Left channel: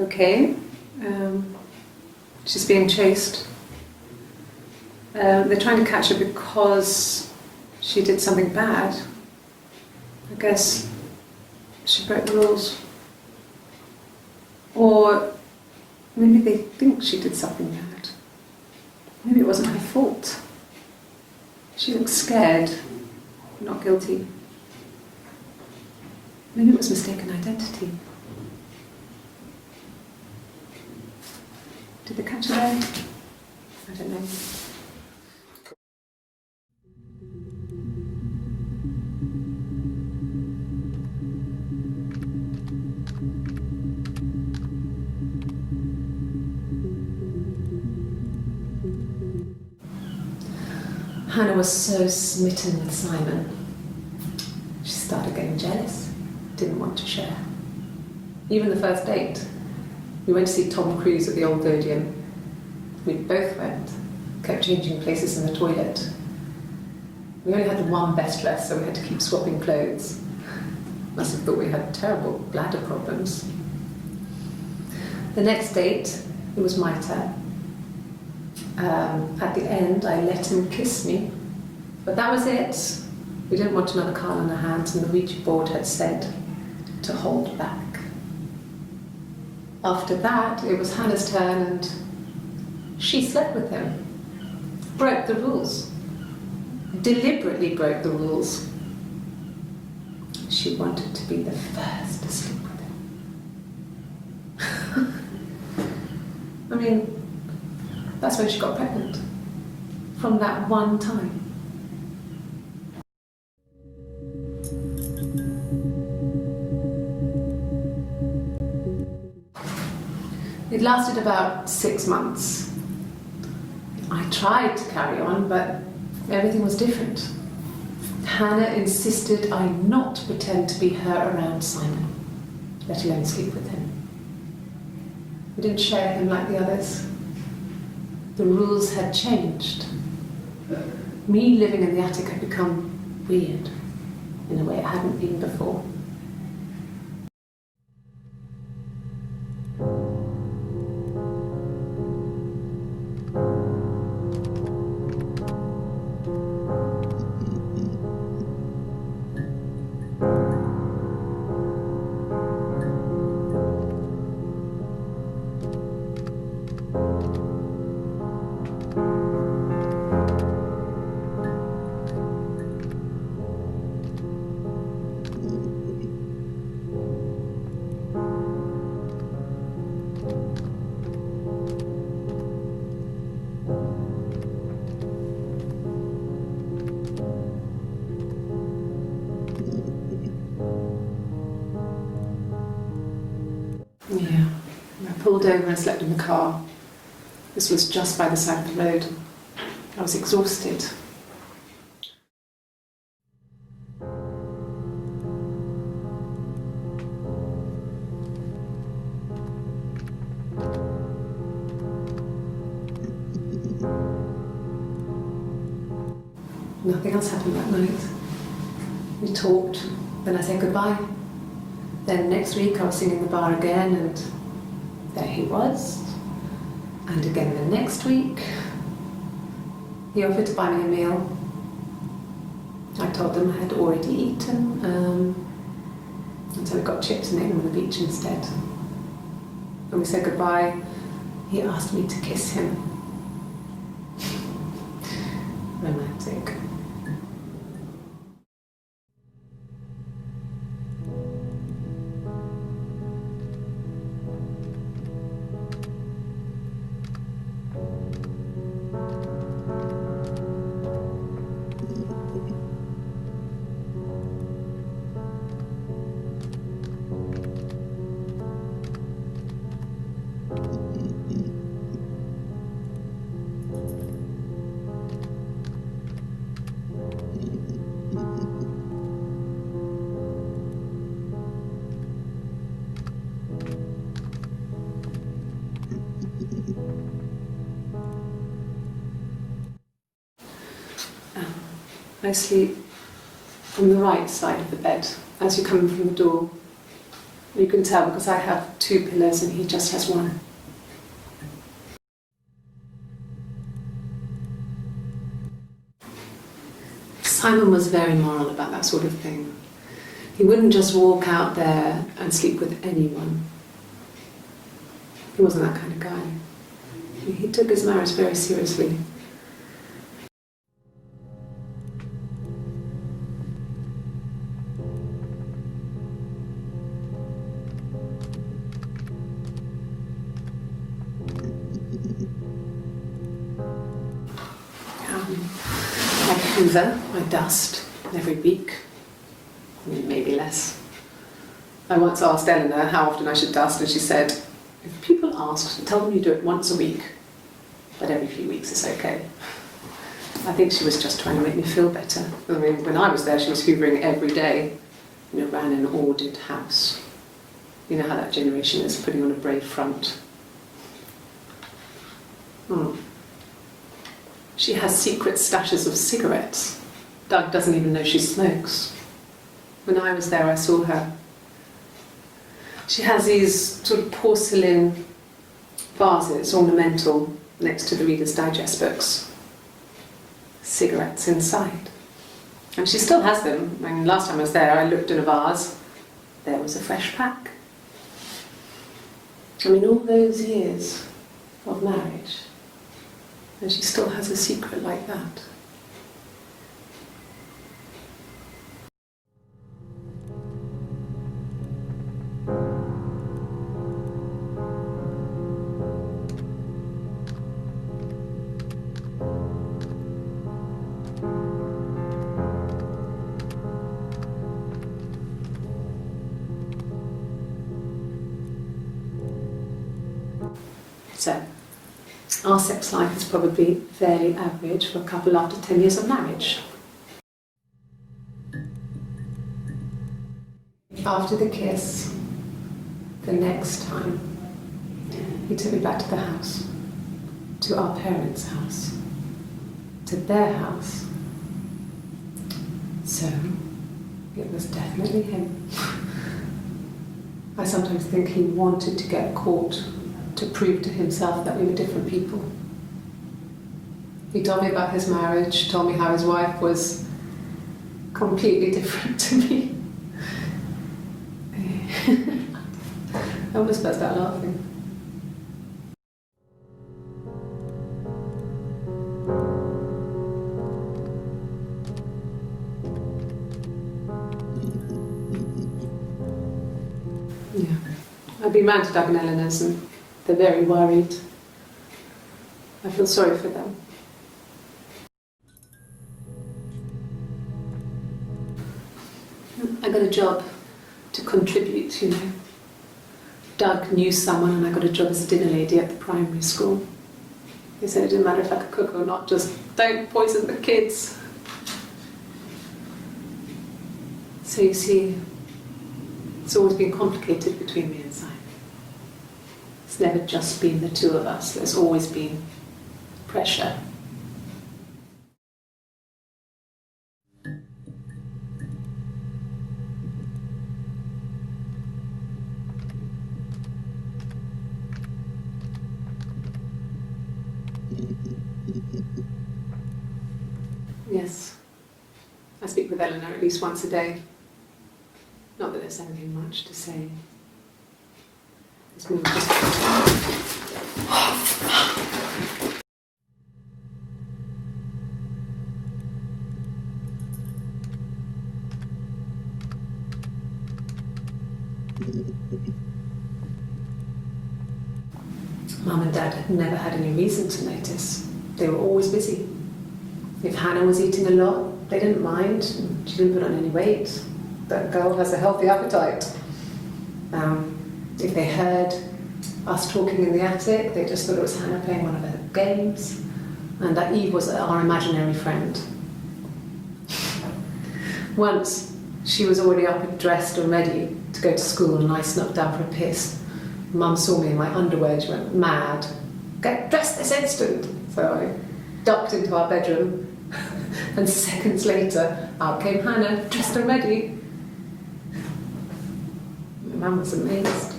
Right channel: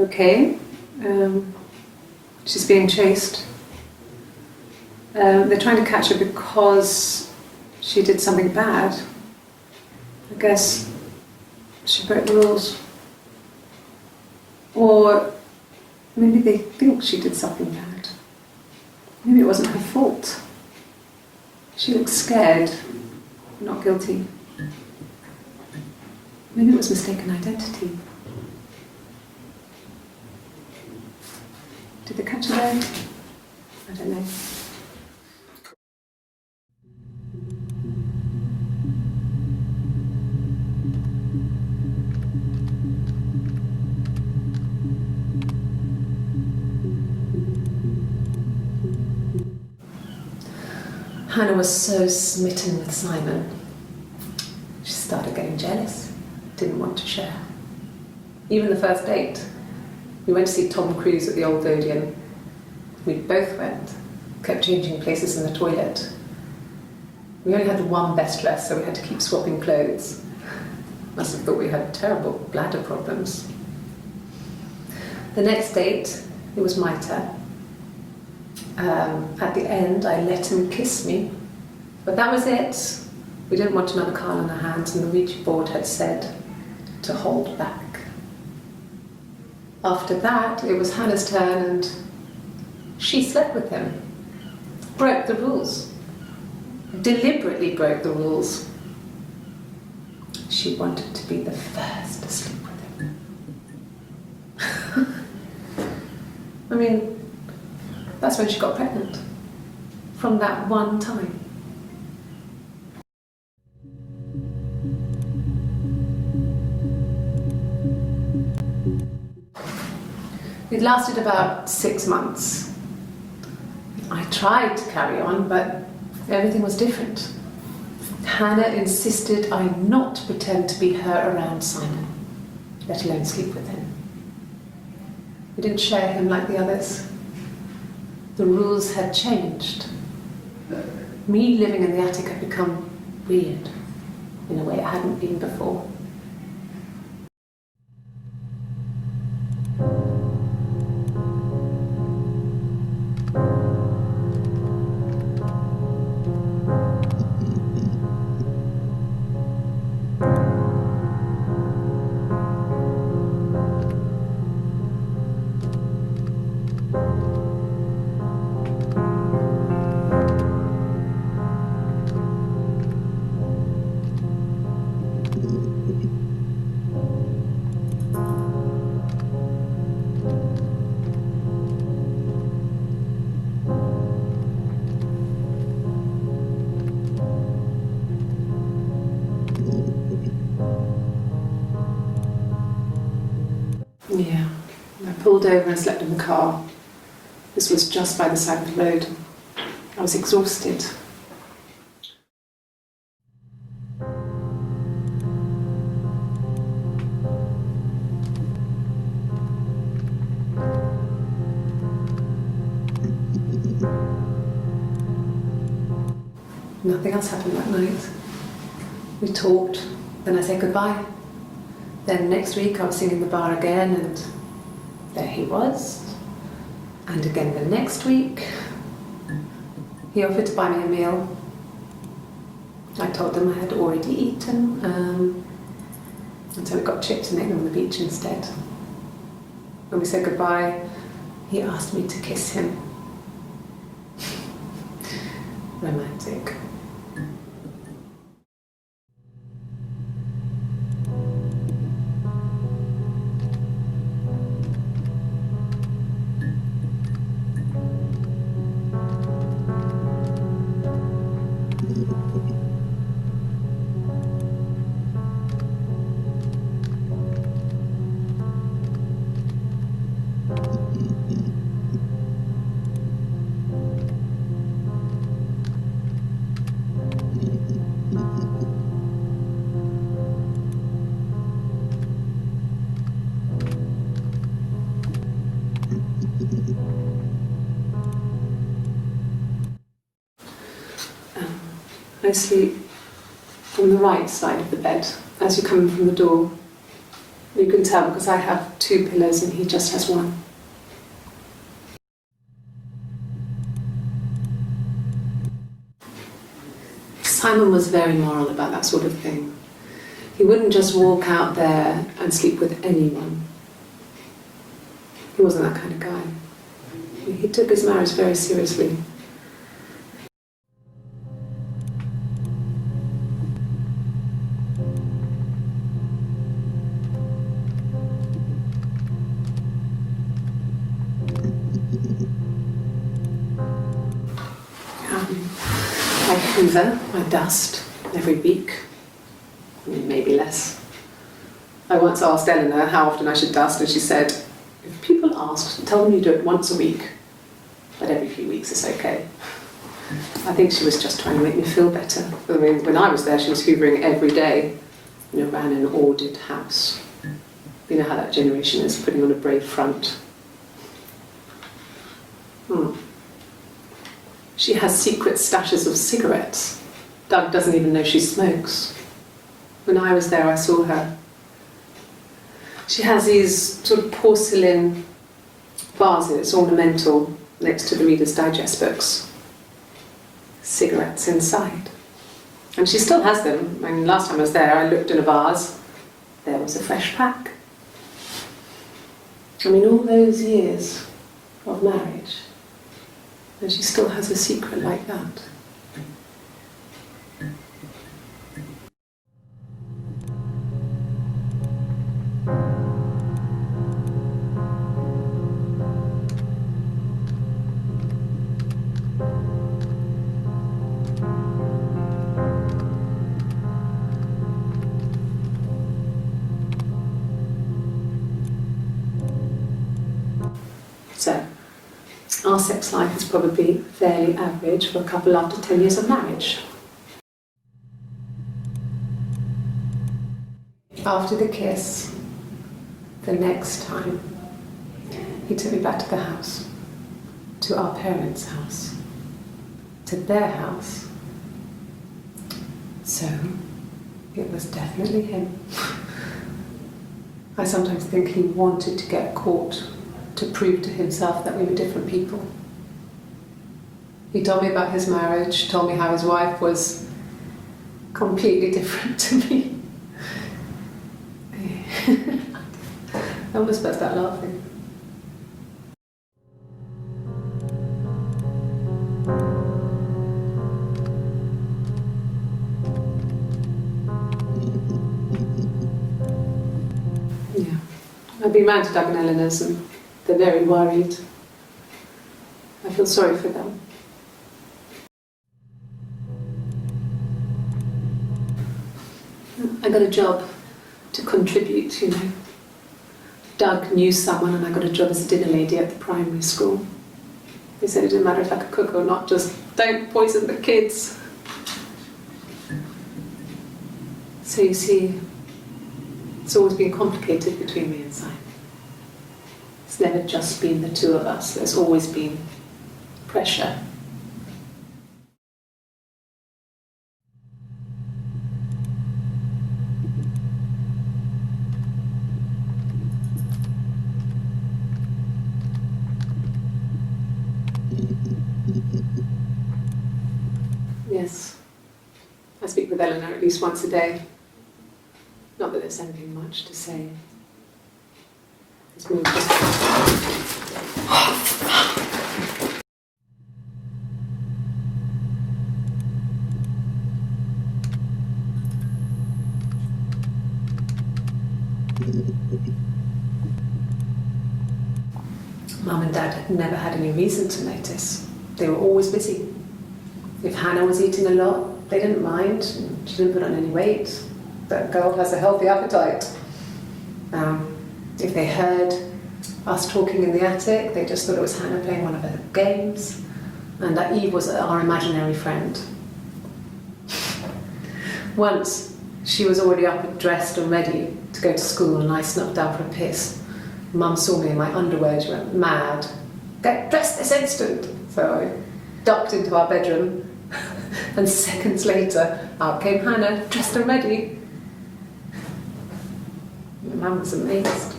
okay. She's being chased. They're trying to catch her because she did something bad. I guess she broke the rules. Or maybe they think she did something bad. Maybe it wasn't her fault. She looks scared, not guilty. Maybe it was mistaken identity. Did they catch her there? I don't know. Hannah was so smitten with Simon. She started getting jealous, didn't want to share. Even the first date, we went to see Tom Cruise at the Old Odeon. We both went, kept changing places in the toilet. We only had the one best dress, so we had to keep swapping clothes. Must have thought we had terrible bladder problems. The next date, it was my turn. At the end, I let him kiss me, but that was it. We didn't want another card on our hands, and the Ouija board had said to hold back. After that, it was Hannah's turn, and she slept with him. Broke the rules. Deliberately broke the rules. She wanted to be the first to sleep with him. I mean, that's when she got pregnant. From that one time. It lasted about 6 months. I tried to carry on, but everything was different. Hannah insisted I not pretend to be her around Simon, let alone sleep with him. We didn't share him like the others. The rules had changed. Me living in the attic had become weird in a way it hadn't been before. Yeah, I pulled over and slept in the car. This was just by the side of the road. I was exhausted. Nothing else happened that night. We talked, then I said goodbye. Then next week I was singing in the bar again, and there he was. And again the next week, he offered to buy me a meal. I told him I had already eaten, and so we got chips and ate them on the beach instead. When we said goodbye, he asked me to kiss him. Romantic. I sleep on the right side of the bed as you come in from the door. You can tell because I have 2 pillows and he just has 1. Simon was very moral about that sort of thing. He wouldn't just walk out there and sleep with anyone. He wasn't that kind of guy. He took his marriage very seriously. I hoover, I dust every week, maybe less. I once asked Eleanor how often I should dust, and she said, if people ask, tell them you do it once a week, but every few weeks is okay. I think she was just trying to make me feel better. I mean, when I was there, she was hoovering every day. Ran an ordered house. You know how that generation is, putting on a brave front. She has secret stashes of cigarettes. Doug doesn't even know she smokes. When I was there, I saw her. She has these sort of porcelain vases, ornamental, next to the Reader's Digest books. Cigarettes inside. And she still has them. I mean, last time I was there, I looked in a vase. There was a fresh pack. I mean, all those years of marriage, and she still has a secret like that. So, our sex life is probably fairly average for a couple after 10 years of marriage. After the kiss, the next time, he took me back to the house, to our parents' house, to their house. So, it was definitely him. I sometimes think he wanted to get caught to prove to himself that we were different people. He told me about his marriage, told me how his wife was completely different to me. I almost burst out laughing. Yeah, I've been round to Doug and Eleanor's and they're very worried. I feel sorry for them. I got a job to contribute, Doug knew someone and I got a job as a dinner lady at the primary school. They said it didn't matter if I could cook or not, just don't poison the kids. So you see, it's always been complicated between me and Simon. It's never just been the 2 of us, there's always been pressure. Yes, I speak with Eleanor at least once a day. Not that there's anything much to say. It's more just... Mum and Dad had never had any reason to notice. They were always busy. If Hannah was eating a lot, they didn't mind. She didn't put on any weight. That girl has a healthy appetite. If they heard us talking in the attic, they just thought it was Hannah playing one of her games, and that Eve was our imaginary friend. Once, she was already up and dressed and ready to go to school, and I snuck down for a piss. Mum saw me in my underwear, she went mad. Get dressed this instant! So I ducked into our bedroom, and seconds later, out came Hannah, dressed and ready. My mum was amazed.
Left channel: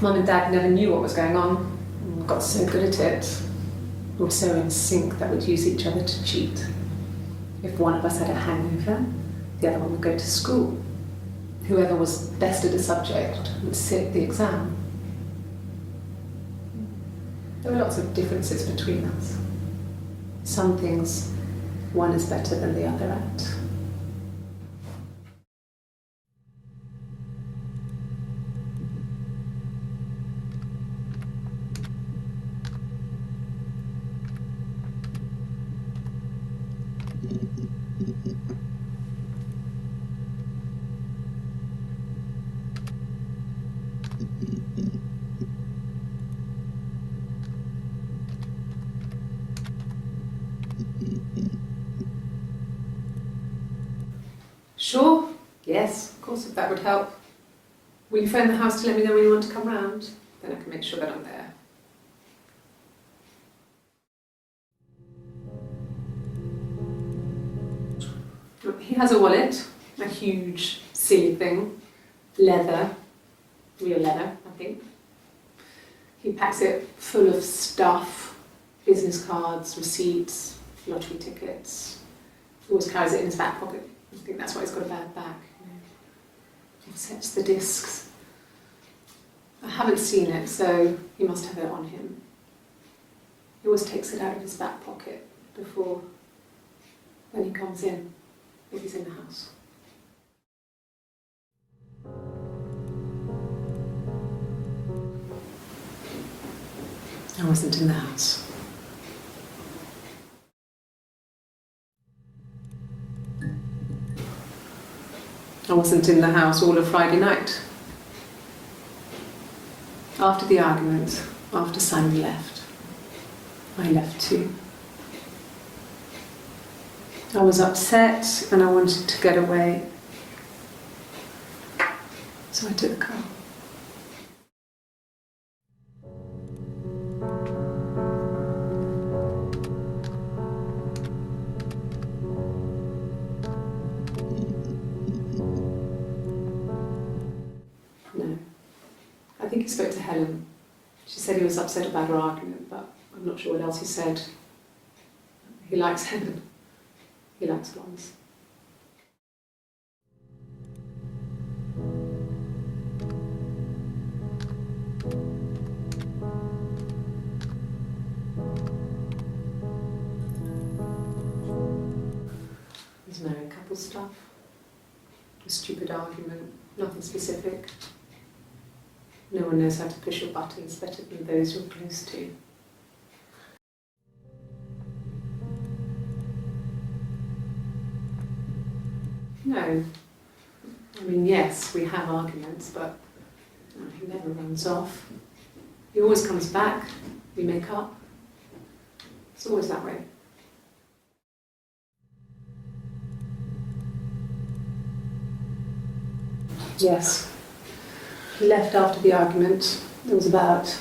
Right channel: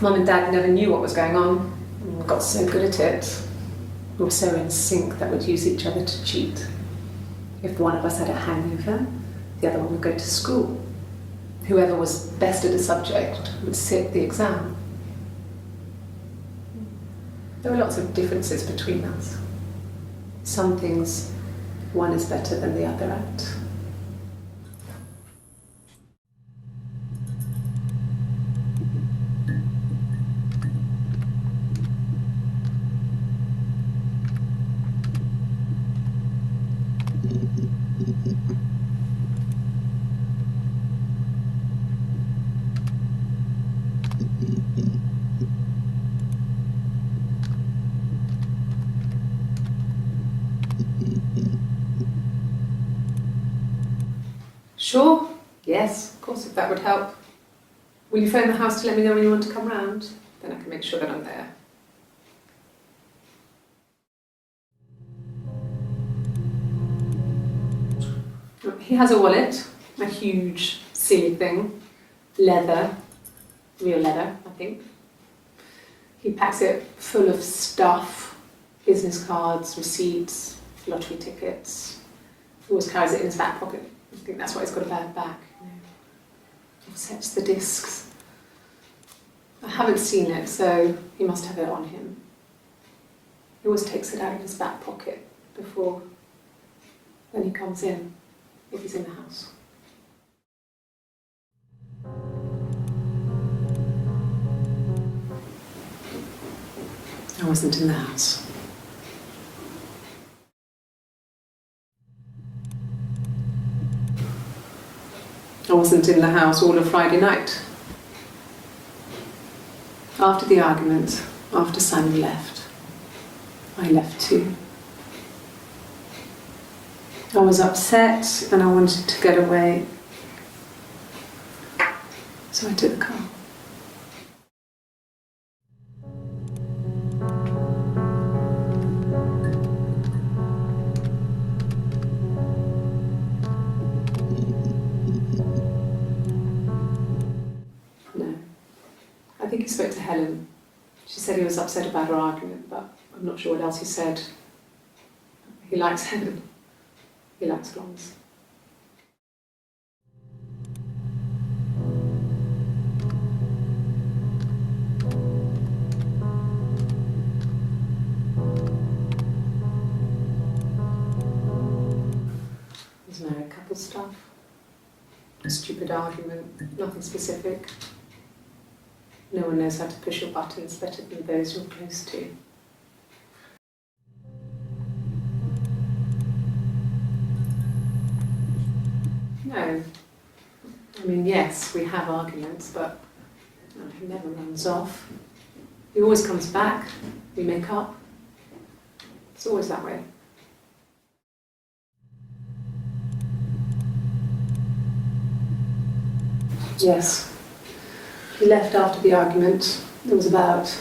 Mum and Dad never knew what was going on and got so good at it. We were so in sync that we'd use each other to cheat. If one of us had a hangover, the other one would go to school. Whoever was best at a subject would sit the exam. There were lots of differences between us. Some things one is better than the other at. Sure, yes, of course, if that would help. Will you phone the house to let me know when you want to come round? Then I can make sure that I'm there. He has a wallet, a huge, silly thing, leather, real leather, I think. He packs it full of stuff, business cards, receipts, lottery tickets. He always carries it in his back pocket. I think that's why he's got a bad back. He sets the discs. I haven't seen it, so he must have it on him. He always takes it out of his back pocket before when he comes in, if he's in the house. I wasn't in the house. I wasn't in the house all of Friday night. After the argument, after Simon left, I left too. I was upset and I wanted to get away, so I took the car. No. I think he spoke to Helen. She said he was upset about her argument, but I'm not sure what else he said. He likes Helen. He likes blondes. There's married couple stuff. A stupid argument, nothing specific. No one knows how to push your buttons better than those you're close to. No. I mean, yes, we have arguments, but he never runs off. He always comes back. We make up. It's always that way. Yes. He left after the argument. It was about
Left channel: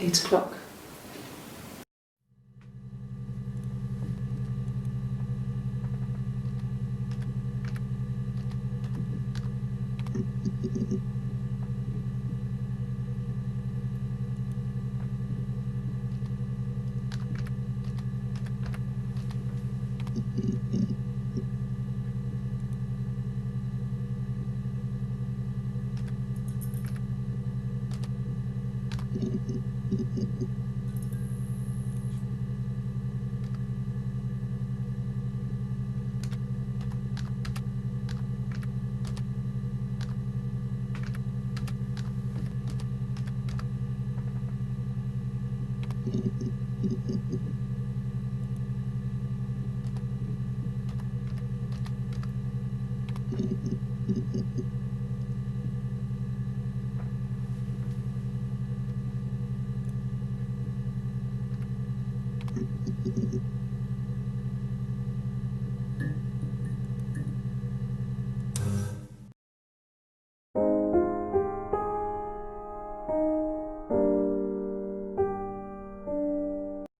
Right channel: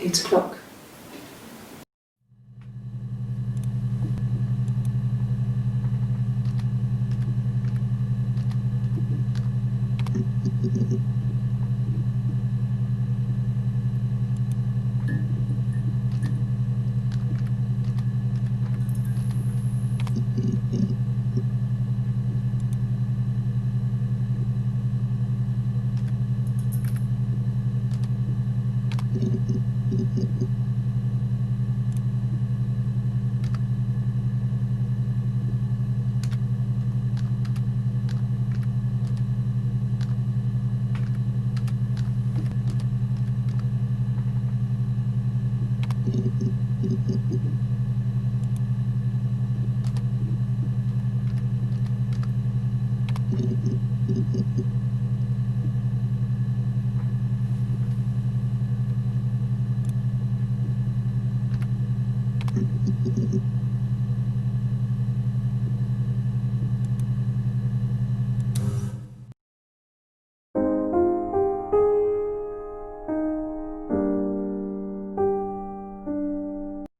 8 o'clock.